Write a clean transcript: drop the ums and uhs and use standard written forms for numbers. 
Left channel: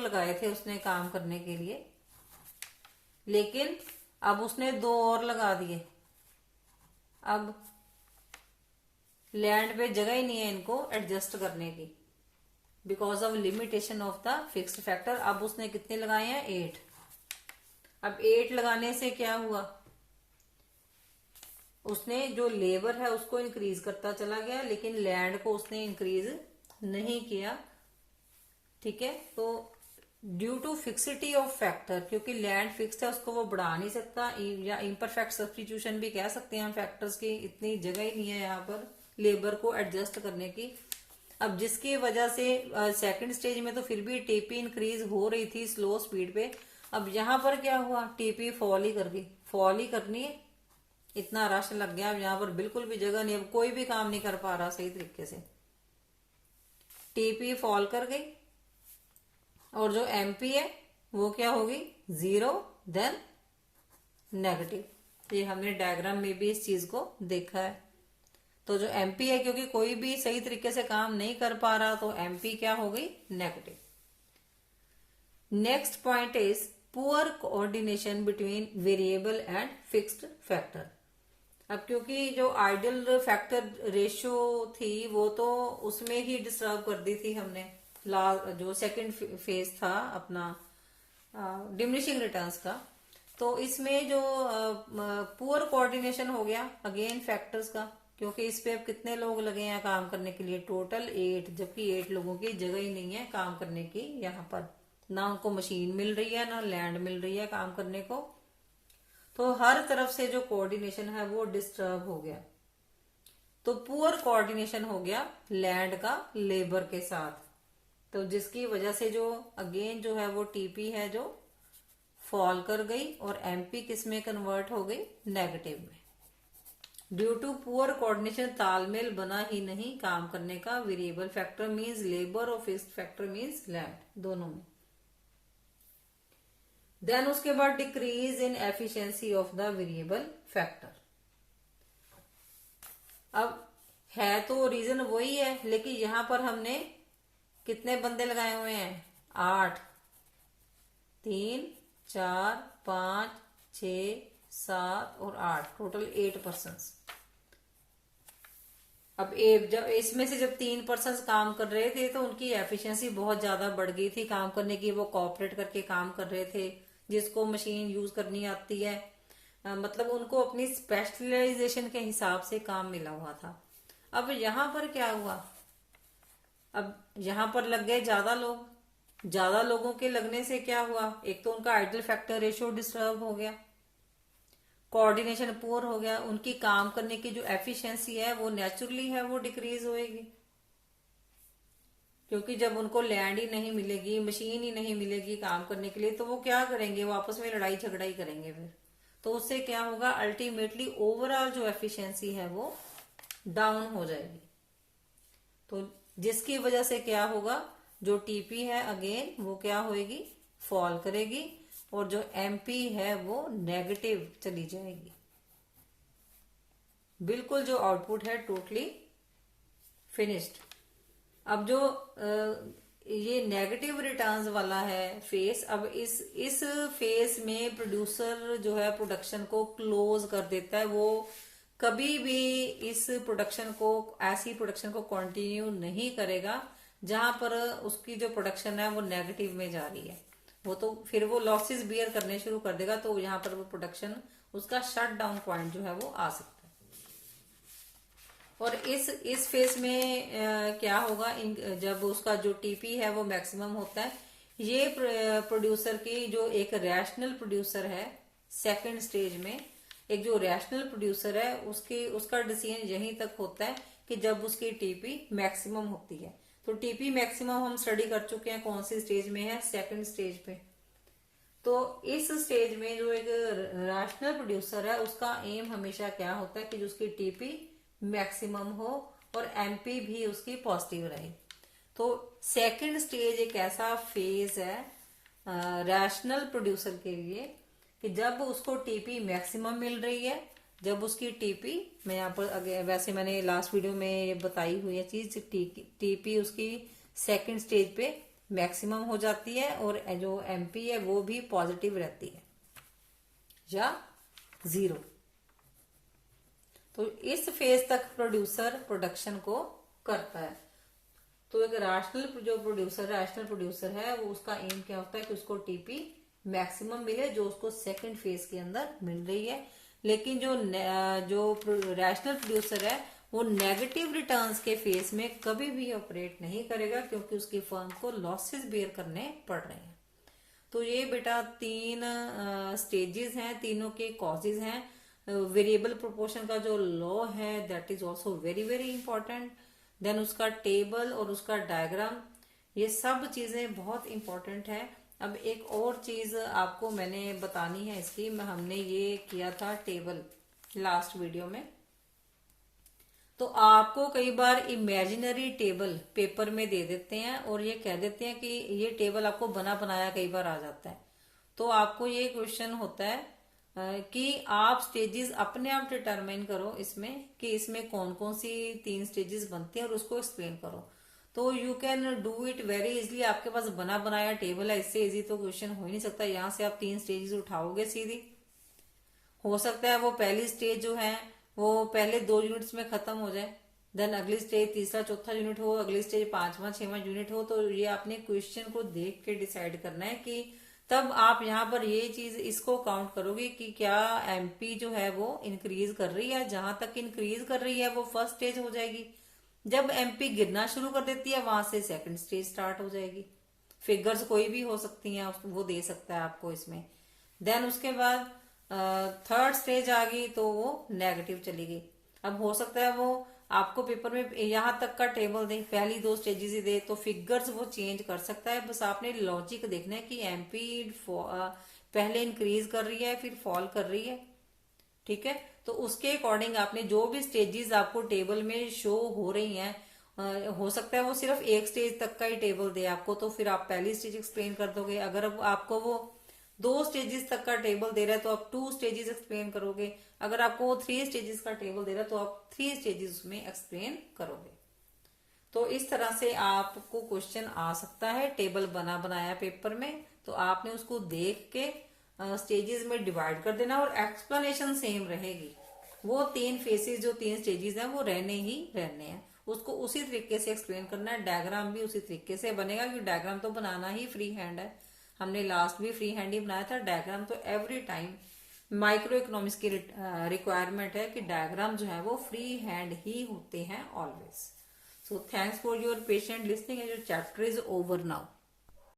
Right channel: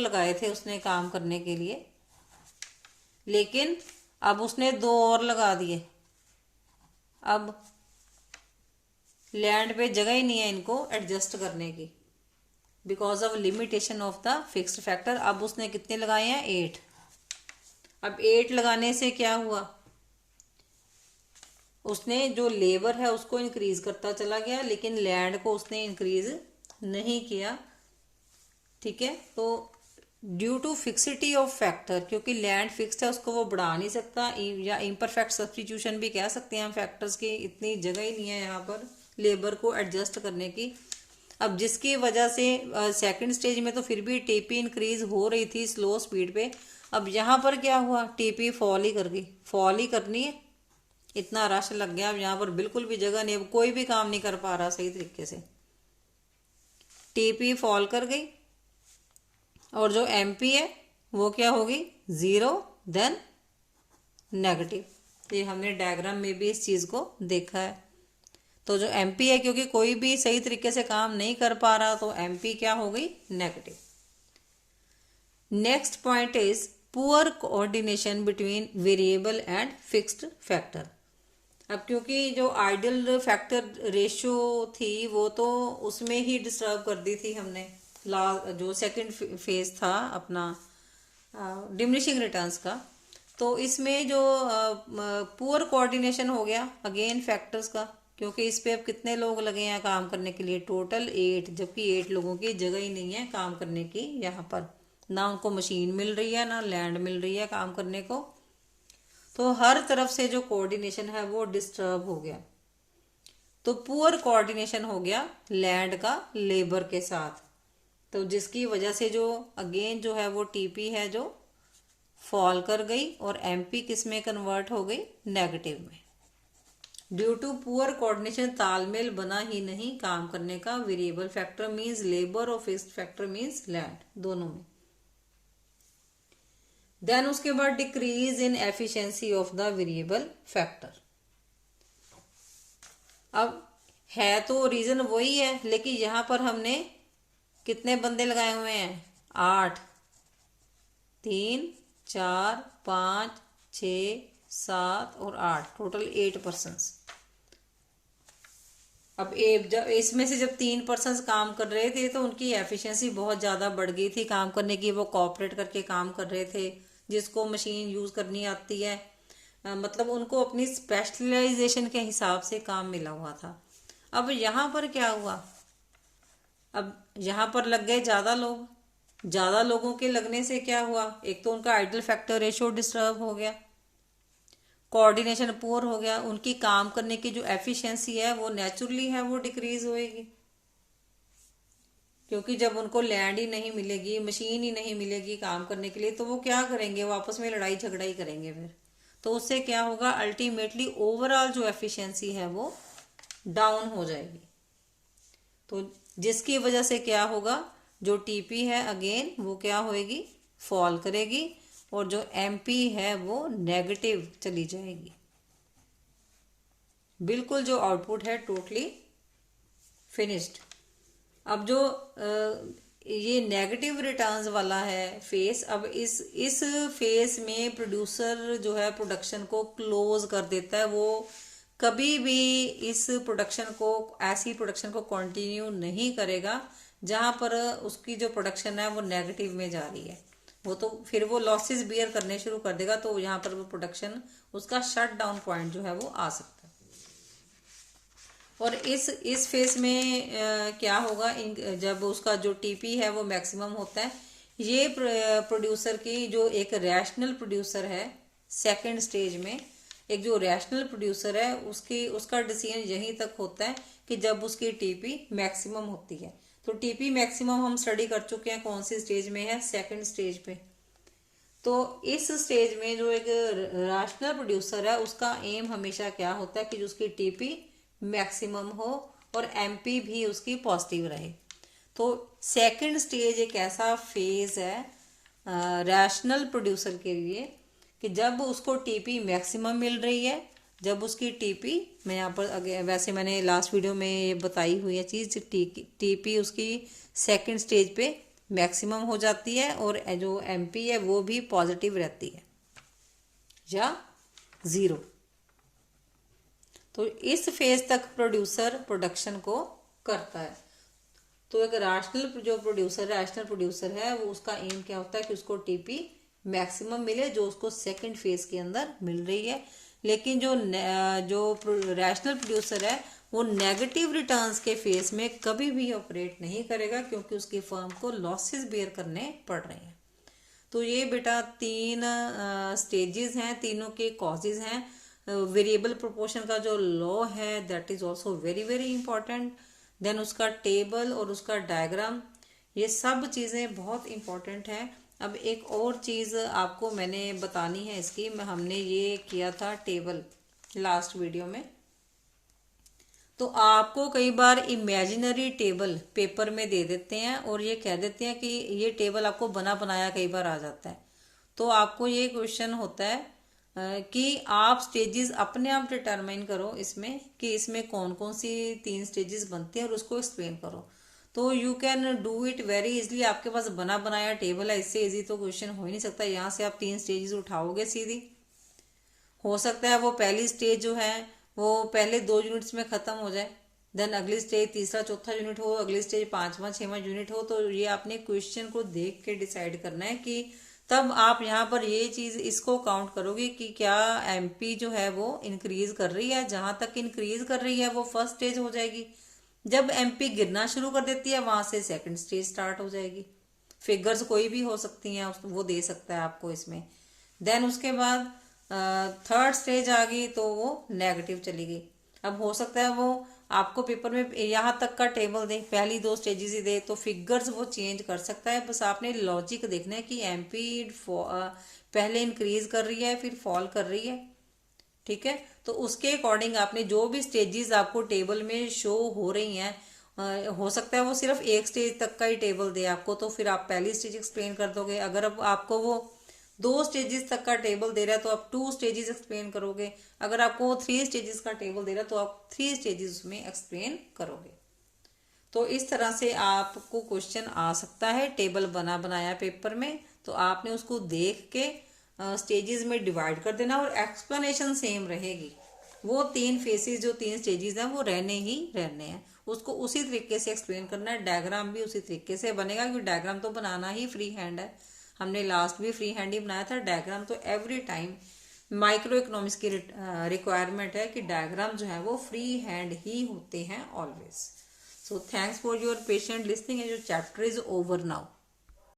लगाए थे उसने काम करने के लिए, लेकिन अब उसने 2 और लगा दिए। अब लैंड पे जगह ही नहीं है इनको एडजस्ट करने की, because of limitation of the fixed factor. अब उसने कितने लगाए हैं? 8। अब 8 लगाने से क्या हुआ? उसने जो लेबर है उसको इंक्रीज करता चला गया, लेकिन लैंड को उसने इंक्रीज नहीं किया। ठीक है, तो due to fixity of factor, क्योंकि लैंड फिक्स्ड है उसको वो बढ़ा नहीं सकता, या इम्परफेक्ट सब्सटीट्यूशन भी कह सकते हैं हम फैक्टर्स की, इतनी जगह ही नहीं है यहाँ पर लेबर को एडजस्ट करने की। अब जिसकी वजह से सेकंड स्टेज में तो फिर भी टीपी इंक्रीज हो रही थी स्लो स्पीड पे। अब यहाँ पर क्या हुआ? टीपी फॉल ही कर गई, फॉल ही करनी है, इतना रश लग गया। अब यहाँ पर बिल्कुल भी जगह नहीं, अब कोई भी काम नहीं कर पा रहा सही तरीके से, टीपी फॉल कर गई। और जो एमपी है वो क्या होगी? 0 देन नेगेटिव। ये हमने डायग्राम में भी इस चीज को देखा है। तो जो एमपी है, क्योंकि कोई भी सही तरीके से काम नहीं कर पा रहा, तो एमपी क्या हो गई? Negative. Next point is poor coordination between variable and fixed factor. अब क्योंकि जो आइडियल फैक्टर रेशियो थी वो तो उसमें ही डिस्टर्ब कर दी थी हमने, जो सेकंड फेज था अपना डिमिनिशिंग रिटर्न्स का। तो इसमें जो पुअर कोऑर्डिनेशन हो गया अगेन फैक्टर्स का, क्योंकि इस पे अब कितने लोग लगे हैं काम करने के लिए? टोटल 8, जबकि 8 लोगों की जगह ही नहीं है काम करने की यहाँ पर, ना उनको मशीन मिल रही है ना लैंड मिल रही है काम करने को। तो हर तरफ से जो कोऑर्डिनेशन है वो डिस्टर्ब हो गया। तो पुअर कोऑर्डिनेशन हो गया लैंड का लेबर के साथ, तो जिसकी वजह से जो अगेन जो है वो टीपी है जो फॉल कर गई, और एमपी किस में कन्वर्ट हो गई? नेगेटिव में। ड्यू टू पुअर कोऑर्डिनेशन तालमेल बना ही नहीं काम करने का, वेरिएबल फैक्टर मींस लेबर और फिक्स्ड फैक्टर मींस लैंड, दोनों में। देन उसके बाद decrease in efficiency of the variable factor. अब है तो रीजन वही है, लेकिन यहां पर हमने कितने बंदे लगाए हुए हैं? 8, 3, 4, 5, 6, 7 और 8, टोटल 8 पर्सन्स। अब जब इसमें से जब 3 पर्सन्स काम कर रहे थे तो उनकी एफिशिएंसी बहुत ज़्यादा बढ़ गई थी काम करने की, वो कोऑपरेट करके काम कर रहे थे, जिसको मशीन यूज़ करनी आती है, मतलब उनको अपनी स्पेशलाइजेशन के हिसाब से काम मिला हुआ था। अब यहाँ पर क्या हुआ? अब यहाँ पर लग गए ज़्यादा लोग, ज़्यादा लोगों के लगने से क्या हुआ? एक तो उनका आइडल फैक्टर रेशियो डिस्टर्ब हो गया, कोऑर्डिनेशन पुअर हो गया, उनकी काम करने की जो एफिशिएंसी है वो नेचुरली है वो डिक्रीज होएगी, क्योंकि जब उनको लैंड ही नहीं मिलेगी, मशीन ही नहीं मिलेगी काम करने के लिए, तो वो क्या करेंगे? वो आपस में लड़ाई झगड़ा ही करेंगे फिर। तो उससे क्या होगा? अल्टीमेटली ओवरऑल जो एफिशिएंसी है वो डाउन हो जाएगी। तो जिसकी वजह से क्या होगा? जो टीपी है अगेन वो क्या होएगी? फॉल करेगी, और जो एमपी है वो नेगेटिव चली जाएगी। बिल्कुल जो आउटपुट है टोटली फिनिश्ड। अब जो ये नेगेटिव रिटर्न्स वाला है फेस, अब इस फेस में प्रोड्यूसर जो है प्रोडक्शन को क्लोज कर देता है। वो कभी भी इस प्रोडक्शन को, ऐसी प्रोडक्शन को कंटिन्यू नहीं करेगा जहां पर उसकी जो प्रोडक्शन है वो नेगेटिव में जा रही है। वो तो फिर वो लॉसेस बियर करने शुरू कर देगा, तो यहाँ पर वो प्रोडक्शन, उसका शट डाउन पॉइंट जो है वो आ सकता है। और इस फेस में क्या होगा? जब उसका जो टीपी है वो मैक्सिमम होता है, ये प्रोड्यूसर की जो एक रैशनल प्रोड्यूसर है सेकंड स्टेज में, एक जो रैशनल प्रोड्यूसर है उसका डिसीजन यहीं तक होता है कि जब उसकी टीपी मैक्सिमम होती है। तो टीपी मैक्सिमम हम स्टडी कर चुके हैं, कौन सी स्टेज में है? सेकंड स्टेज पे। तो इस स्टेज में जो एक रैशनल प्रोड्यूसर है उसका एम हमेशा क्या होता है कि जो उसकी टीपी मैक्सिमम हो और एमपी भी उसकी पॉजिटिव रहे। तो सेकंड स्टेज एक ऐसा फेज है रैशनल प्रोड्यूसर के लिए कि जब उसको टीपी मैक्सिमम मिल रही है, जब उसकी टीपी, मैं यहाँ पर वैसे मैंने लास्ट वीडियो में ये बताई हुई है चीज़, टीपी उसकी सेकंड स्टेज पे मैक्सिमम हो जाती है और जो एमपी है वो भी पॉजिटिव रहती है या जीरो। तो इस फेज तक प्रोड्यूसर प्रोडक्शन को करता है। तो एक रैशनल प्रोड्यूसर है वो उसका एम क्या होता है कि उसको टीपी मैक्सिमम मिले जो उसको सेकंड फेज के अंदर मिल रही है। लेकिन जो रैशनल प्रोड्यूसर है वो नेगेटिव रिटर्न्स के फेज में कभी भी ऑपरेट नहीं करेगा क्योंकि उसकी फर्म को लॉसेस बेयर करने पड़ रहे हैं। तो ये बेटा 3 स्टेजेस हैं, तीनों के कॉजेज हैं। वेरिएबल प्रोपोर्शन का जो लॉ है that is also very very important. Then उसका टेबल और उसका डायग्राम, ये सब चीज़ें बहुत इंपॉर्टेंट है। अब एक और चीज़ आपको मैंने बतानी है इसकी, हमने ये किया था टेबल लास्ट वीडियो में। तो आपको कई बार इमेजिनरी टेबल पेपर में दे देते हैं और ये कह देते हैं कि ये टेबल आपको बना बनाया कई बार आ जाता है। तो आपको ये क्वेश्चन होता है कि आप स्टेजेस अपने आप डिटरमाइन करो इसमें कि इसमें कौन कौन सी 3 स्टेजेस बनते हैं और उसको एक्सप्लेन करो। तो you can do it very easily. आपके पास बना बनाया टेबल है, इससे इजी तो क्वेश्चन हो ही नहीं सकता। यहाँ से आप 3 स्टेजेस उठाओगे सीधी। हो सकता है वो पहली स्टेज जो है वो पहले 2 यूनिट्स में खत्म हो जाए, देन अगली स्टेज तीसरा चौथा यूनिट हो, अगली स्टेज 5वां 6वां यूनिट हो। तो ये आपने क्वेश्चन को देख के डिसाइड करना है कि तब आप यहाँ पर ये चीज इसको काउंट करोगे कि क्या एमपी जो है वो इंक्रीज कर रही है। जहां तक इंक्रीज कर रही है वो फर्स्ट स्टेज हो जाएगी। जब एमपी गिरना शुरू कर देती है वहां से सेकंड स्टेज स्टार्ट हो जाएगी। फिगर्स कोई भी हो सकती हैं, वो दे सकता है आपको इसमें। देन उसके बाद थर्ड स्टेज आ गई तो वो नेगेटिव चली गई। अब हो सकता है वो आपको पेपर में यहाँ तक का टेबल दे, पहली 2 स्टेजेस ही दे, तो फिगर्स वो चेंज कर सकता है। बस आपने लॉजिक देखना है कि एमपी पहले इंक्रीज कर रही है फिर फॉल कर रही है, ठीक है। तो उसके अकॉर्डिंग आपने जो भी स्टेजेस आपको टेबल में शो हो रही हैं, हो सकता है वो सिर्फ एक स्टेज तक का ही टेबल दे आपको, तो फिर आप पहली स्टेज एक्सप्लेन कर दोगे। अगर अब आपको वो 2 स्टेजेस तक का टेबल दे रहा है तो आप 2 स्टेजेस एक्सप्लेन करोगे। अगर आपको 3 स्टेजेस का टेबल दे रहा है तो आप 3 स्टेजेस उसमें एक्सप्लेन करोगे। तो इस तरह से आपको क्वेश्चन आ सकता है टेबल बना बनाया पेपर में। तो आपने उसको देख के स्टेजेस में डिवाइड कर देना और एक्सप्लेनेशन सेम रहेगी। वो 3 फेसेस जो 3 स्टेजेस हैं वो रहने ही रहने हैं, उसको उसी तरीके से एक्सप्लेन करना है। डायग्राम भी उसी तरीके से बनेगा क्योंकि डायग्राम तो बनाना ही फ्री हैंड है। हमने लास्ट भी फ्री हैंड ही बनाया था डायग्राम। तो एवरी टाइम माइक्रो इकोनॉमिक्स की रिक्वायरमेंट है कि डायग्राम जो है वो फ्री हैंड ही होते हैं always. So thanks for your patient listening and your chapter is over now.